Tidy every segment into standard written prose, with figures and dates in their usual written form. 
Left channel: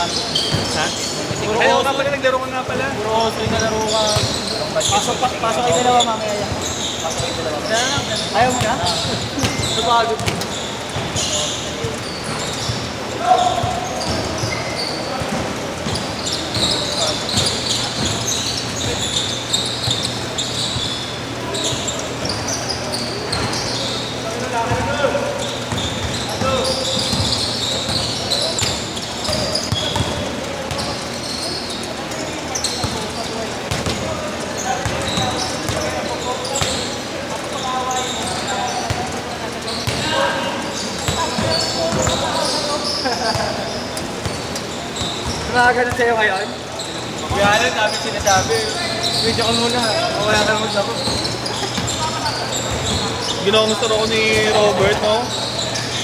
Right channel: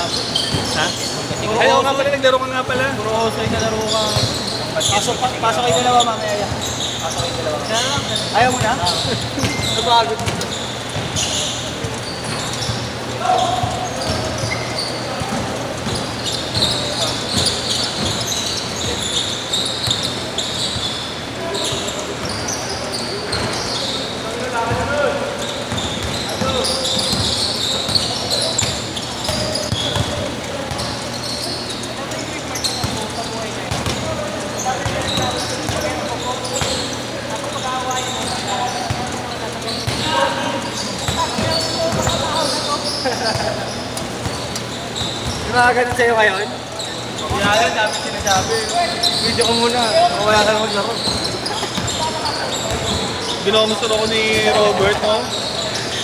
gago. Ha? Puro Alam oso. ka pala, naglaro ka nga pala. Puro oso yung nalaro ka. Pasok kayo dalawa mamaya yan. Pasok kayo dalawa. Ayaw mo na? Napagod. Nakakaganit sa'yo ngayon? Yan, dami sinasabi. Video ka muna. Wala ka naman ako. Binamusta ako ni Robert, no?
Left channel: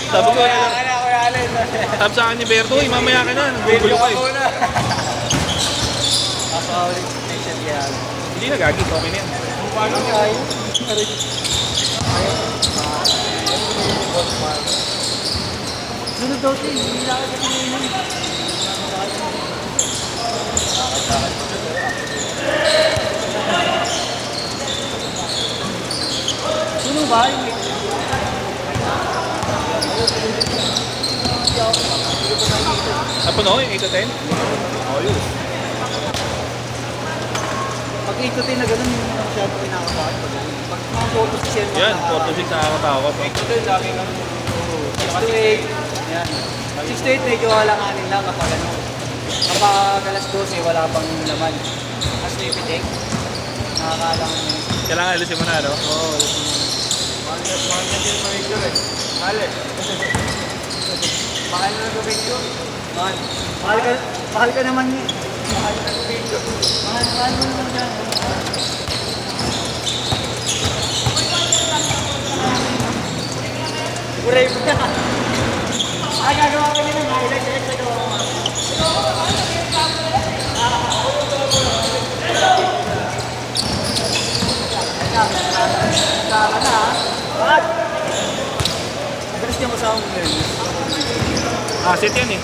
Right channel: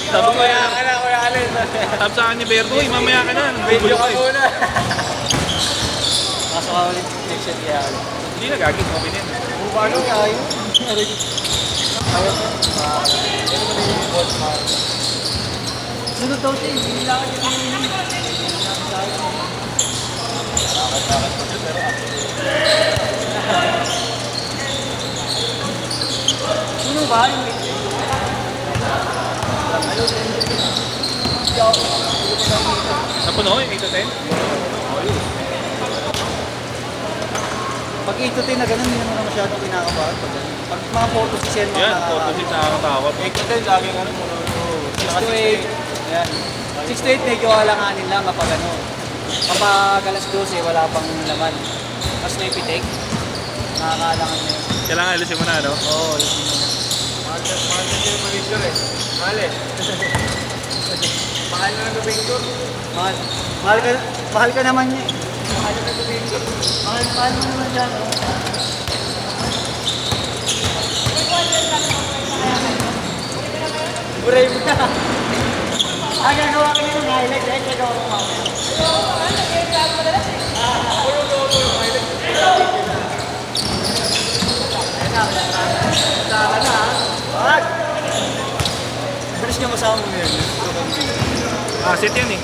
Sabi ko, Wala ka na. sabi sa akin ni Berto, mamaya ka na. Video ka Bubulok eh. muna. Pasok ako ulit. Nag-shot yan. Hindi na gagawin, okay na yan. Paano nga ayaw? Ayaw. Sunod daw ito. Hindi na ako sino ba? Napuno, yung 8 to 10? Oh, yun. Pag ikutin na ganun, yung masyado pinakabahan. Pag mga photos kasi yung Yan, photo din sa akin takot. 8 to 10, lagi nga 6 to 8. Yan. 6 to 8 may kawalanganin lang kapag ano. Kapag alas 12, wala pang laman. Tapos na ipitik. Nakakalangan yun. Kailangan alisin mo na, no? Oo. Mahal. Mahal na yung video. Mahal ka naman yun. Mahal mo naman dyan. Uray mo na. Gagawa ka niya ng highlight. Ito mo mga. Bilis yung kasama mo yun. Asset yan eh.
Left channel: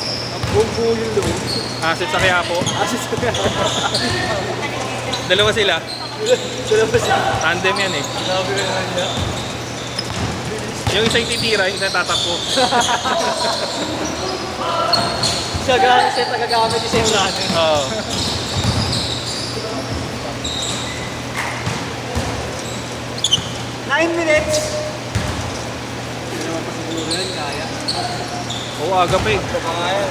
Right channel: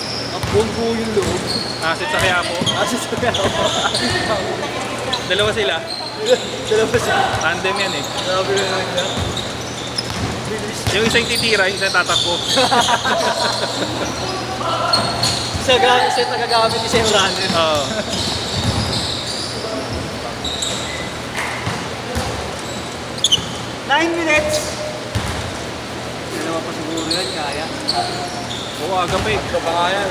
Buong-buong doon. Asset sa Quiapo. Asus ko na. Dalawa sila. Sila pa siya. Tandem yan eh. Sabi ko naman. Yung isang titira, yung isang tatakbo. Isa nagagamit isa yung runner. Oo. Nine minutes! Hindi naman pa siguro yun, kaya. Oo, aga pa eh. Kaya.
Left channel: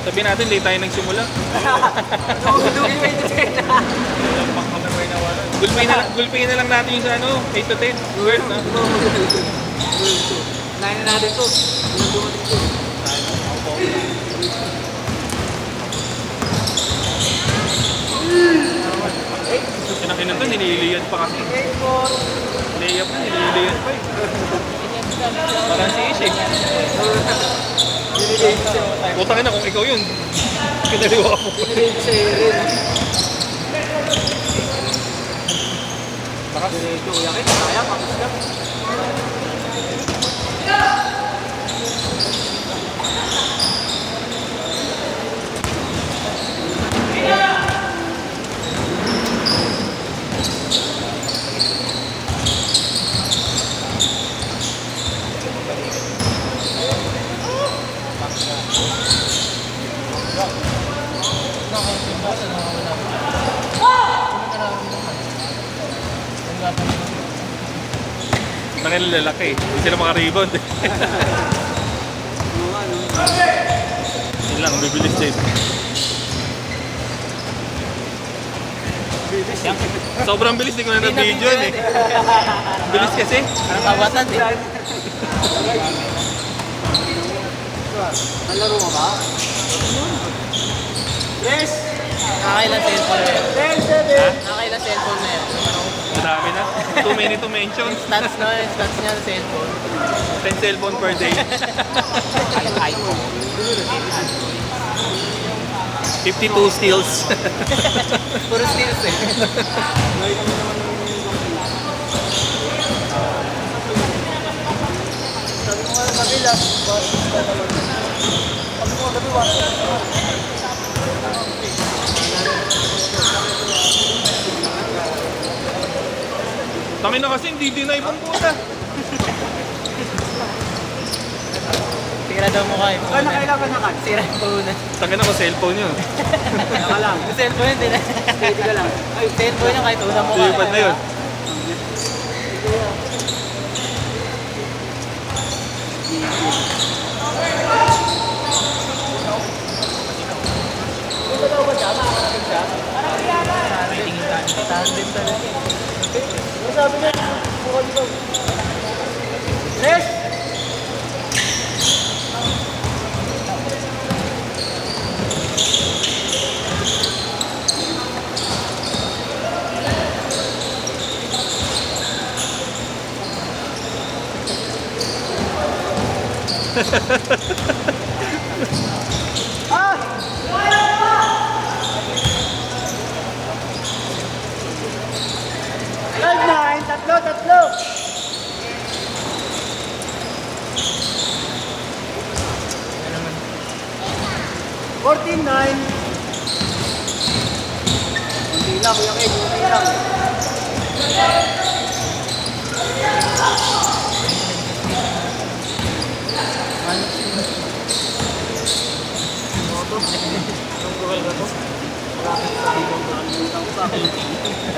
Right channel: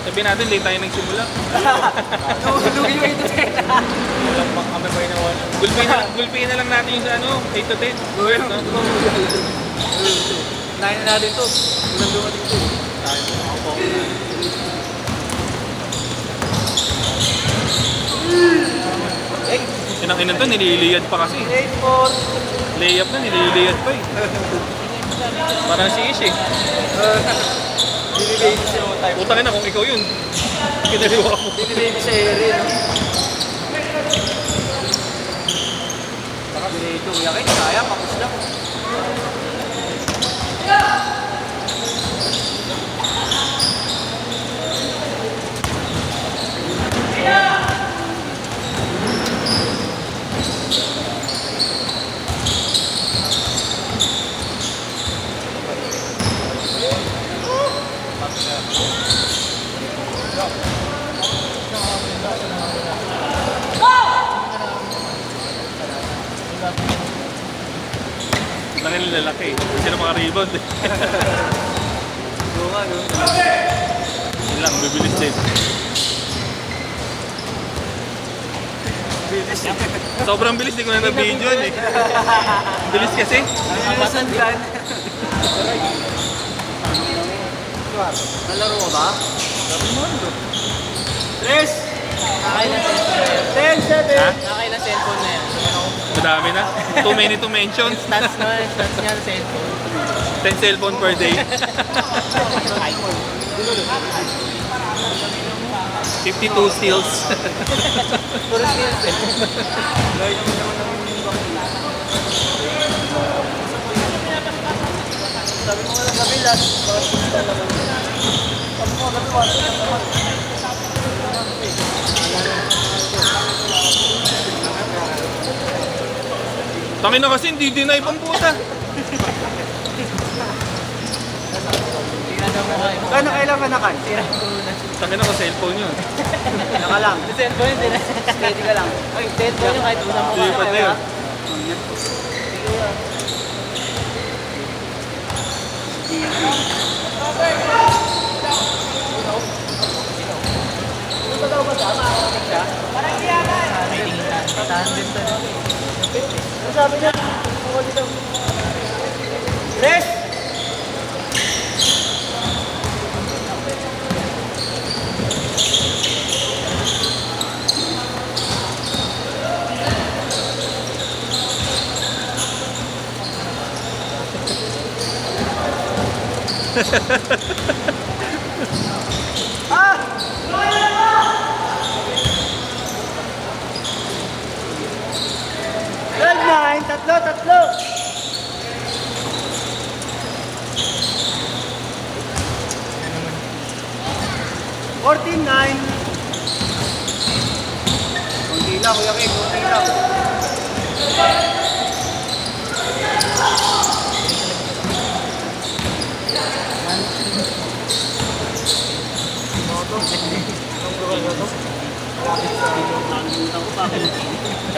Sabihin natin, late tayo nagsimula. Nahulugin mo ito sila. Gulpihin na lang natin yung sa ano, 8 to 10. Worth, no? Nine na natin to. Ilang dumating to. Kinakinan to, nililiyad pa kasi. Layup na, nililiyad pa eh. Parang si Ish eh. Utangin na kung ikaw yun. Kinaliwa mo. Binigay ko sa'yo rin. Baka binigay ko. Yakin, kaya, kapos lang. Manila lalaki eh. Hindi sila mga rebound eh. Yun lang, bibilis din. Bilis yan. Sobrang bilis, di ko na na-video eh. Bilis kasi. Nakabatan din. Nalaro mo ba? Tres! Nakakailan cellphone na yan. 10, 7! Ha? Nakakailan cellphone na yan. Madami na. Too many to mention. Stats na, stats niya sa cellphone. 10 cellphone per day. 52 steals. Puro steals eh. Sabi ko nga sa kabila, sabi ko nga sa kabila, Tangin na kasi, hindi deny pang puta. Tira daw mo kayo. Kaya nakailangan na kan? Tira ko na. Tangin na ko cellphone yun. Naka lang. Cellphone yun din. Steady ka lang. Ay, cellphone yun kahit una mo. Sige pa na yun. Punta daw ba siya? Makakalagan siya? Tandem talaga. Ano sabi niya? Mukha dito. Yes! Good nine, tatlo. Ano naman? 49. Hindi lang, Kuya Kay. Hindi lang.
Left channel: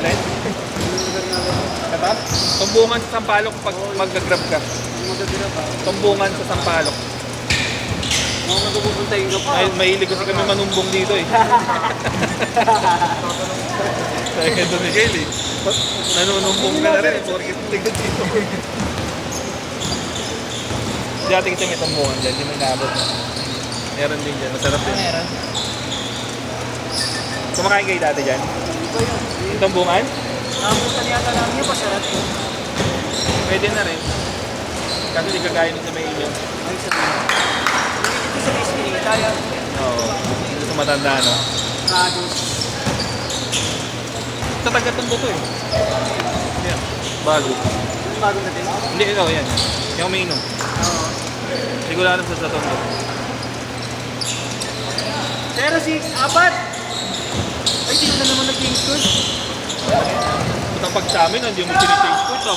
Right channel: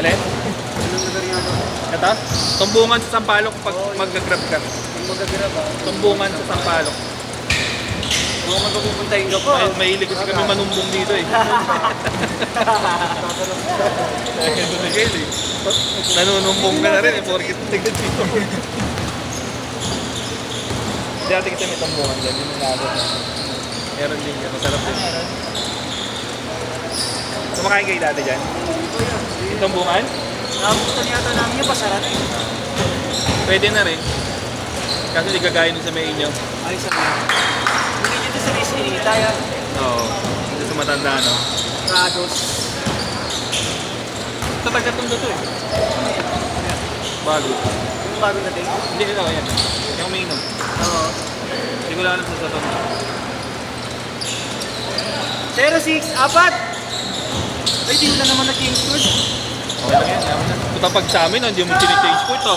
Alit? Ito? Tumbungan sa Sampalok pag mag-grab ka. Tumbungan sa Sampalok. Ano mo pupuntahin ka pa? Mahilig kasi kami manumbong dito eh. Kaya doon Miguel eh. Nanunumbong ka na rin eh. Porkit tignan dito. Dati kita may tumbungan dyan. Hindi mo naabot. Meron din dyan. Masarap yun. Kumakain kayo dati dyan? Tumbungan? Nabutan yata namin yun, pasarap yun. Pwede na rin. Kasi di gagayin sa may inyo. Ay, sabihin. Hindi dito sa Disney, tayo. Oo. Dito sa matanda, no? Prados. Katagatong ba ito? Bago. Bago na din. Hindi, ito yan. Yung umiinom. Oo. Hindi ko lang sa tondo. 06, apat! Ay, dito na naman na Kingswood. Kapag sa amin, hindi mo sinichange ko ito.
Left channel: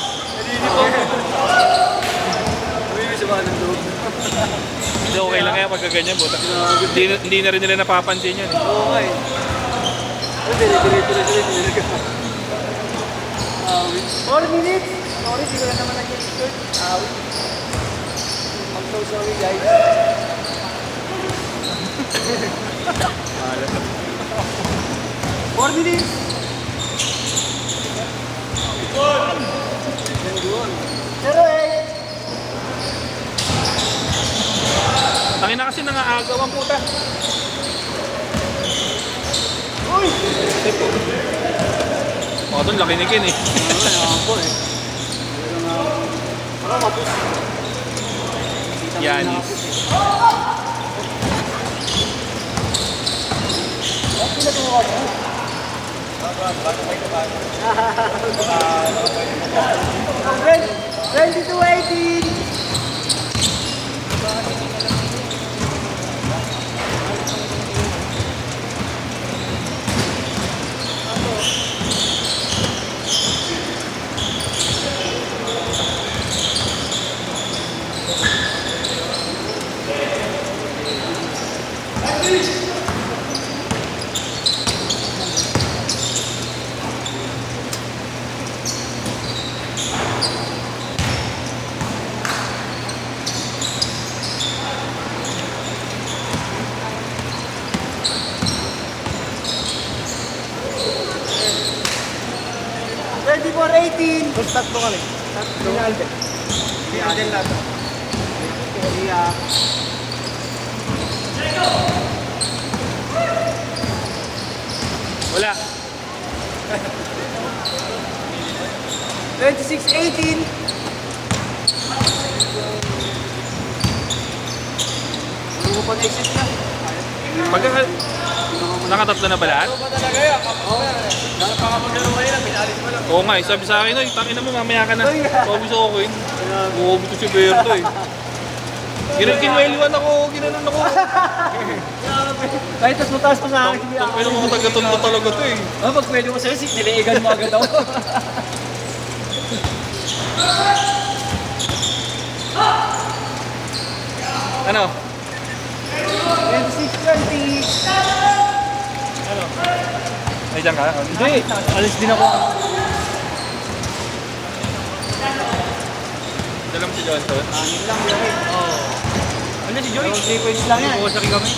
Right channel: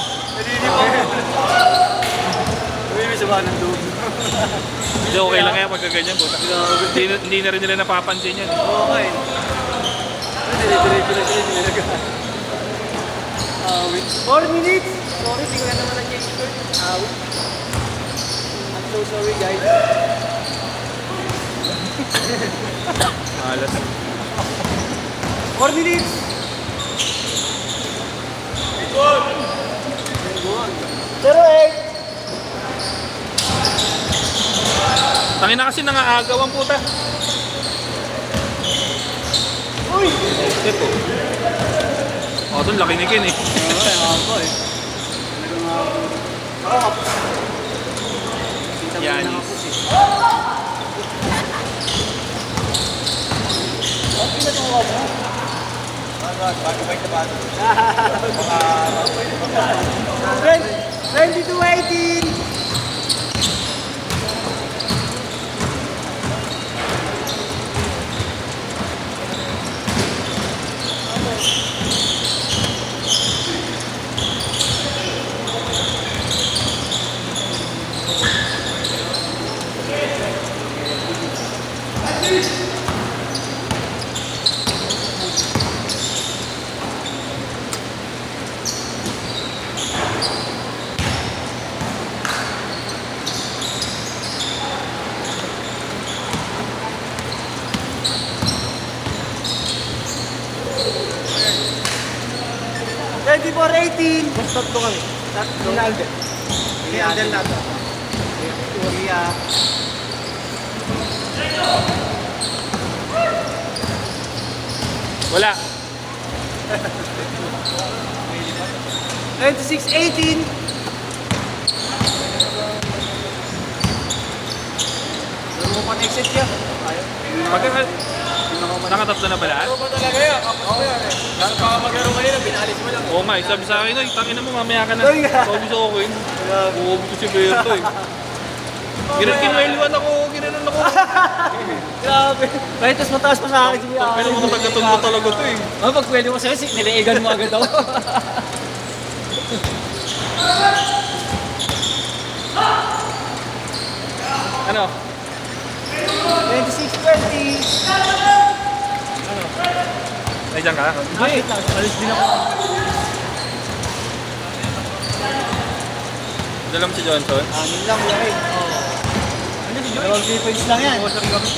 Uy, sa bagong doon. Hindi, okay lang kaya pagka ganyan, buta. Hindi na rin nila napapansin yun. Oo nga eh. Dire. 4 minutes! Sorry, di ko yan naman na-Kingswood. I'm so sorry, guys. Alas. 4 minutes! Zero eight. Tangin na kasi nangaagaw ang puta. O, doon laki ni Ken eh. Yanis. Then, 22-18. For 18. Basta tatlo kami. Ronaldo. Si Angel nato. Korea. Wala. 26-18. Ano mo pa exit yan? Pagka nakatatlo na ba lahat? Ano ba talaga yan? Kapag yan. Lalo pa kapag gano'n kayo, binalis mo lang. Oo nga, sabi sa akin, ay, tangin na mo, mamaya ka na. Sabi sa akin, buwag ito si Berto eh. Giniliwan ako, ginanon ako. Grabe. Kahit tas mataas pa sa akin. Pero mga taga-tondo talaga to eh. Oh, pag pwede mo sa'yo, niliigan mo agad ako. Ano? 26-30. Ano? Ay, dyan ka? Hindi, alis din ako. Dalam si Johnson. Amin lang, Joey. Oo. Ano si Joey? 3 points lang yan. Bukas rin kami.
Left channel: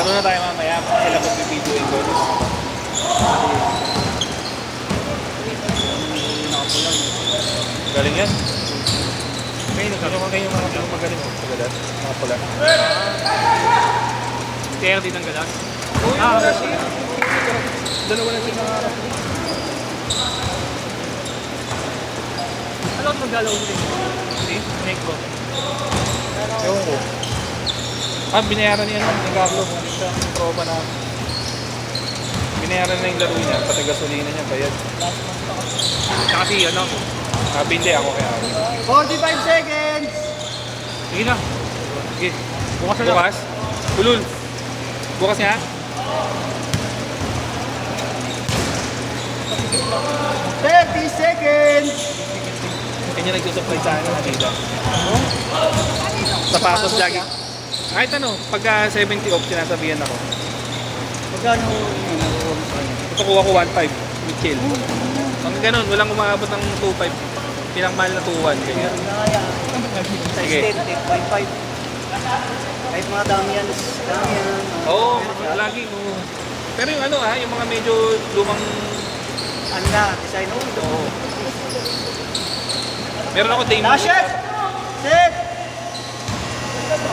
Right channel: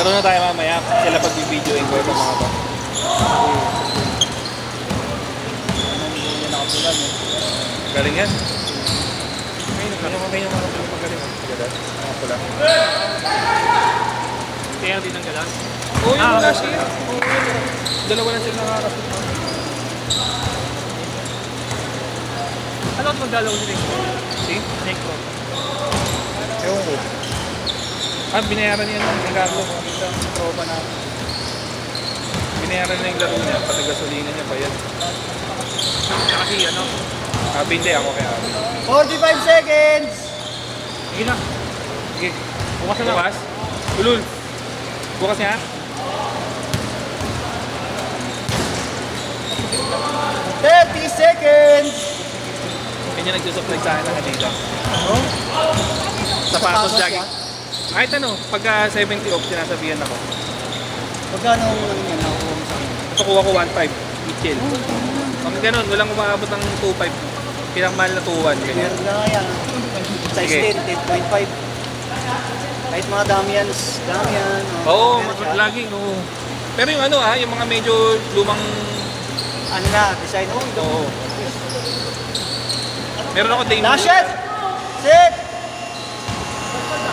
Laro na tayo mamaya. Sila pag-video yung Buenos. Galing yan. Ano mga ganyan mga magaling? Magaling. Mga pula. Kaya din ang galas. Kasi dalawa na sila. Ano ang magdalaw din? Nico. Ewan ko. Binayaran niya yung ni Carlo. Isang tropa na. Binayaran niya yung laro niya. Pati gasolina niya. Bayad. Kasi ano? Hindi ako kaya. 45 seconds! Sige na. Sige. Bukas na lang. Bukas? Ulul. Bukas niya? 30 seconds! Hindi nagsusupply sa akin ng Adidas. Sapatos lagi. Kahit ano, pagka 70 off, sinasabihan ako. Magkano yung nakuha mo sa kanya? Ito kuha ko 1.5. Mitchell. Pag ganun, walang umabot ng 2.5. Pinang mahal na 2.1. Ganyan. Hindi nga yan. Size Sige. 10, 10.5. Kahit mga dami yan, lang yan. Oo, lagi. Oo. Pero yung ano yung mga medyo lumang... Ano na, design mo. Oo. Meron ako Dame. Last shot! Set!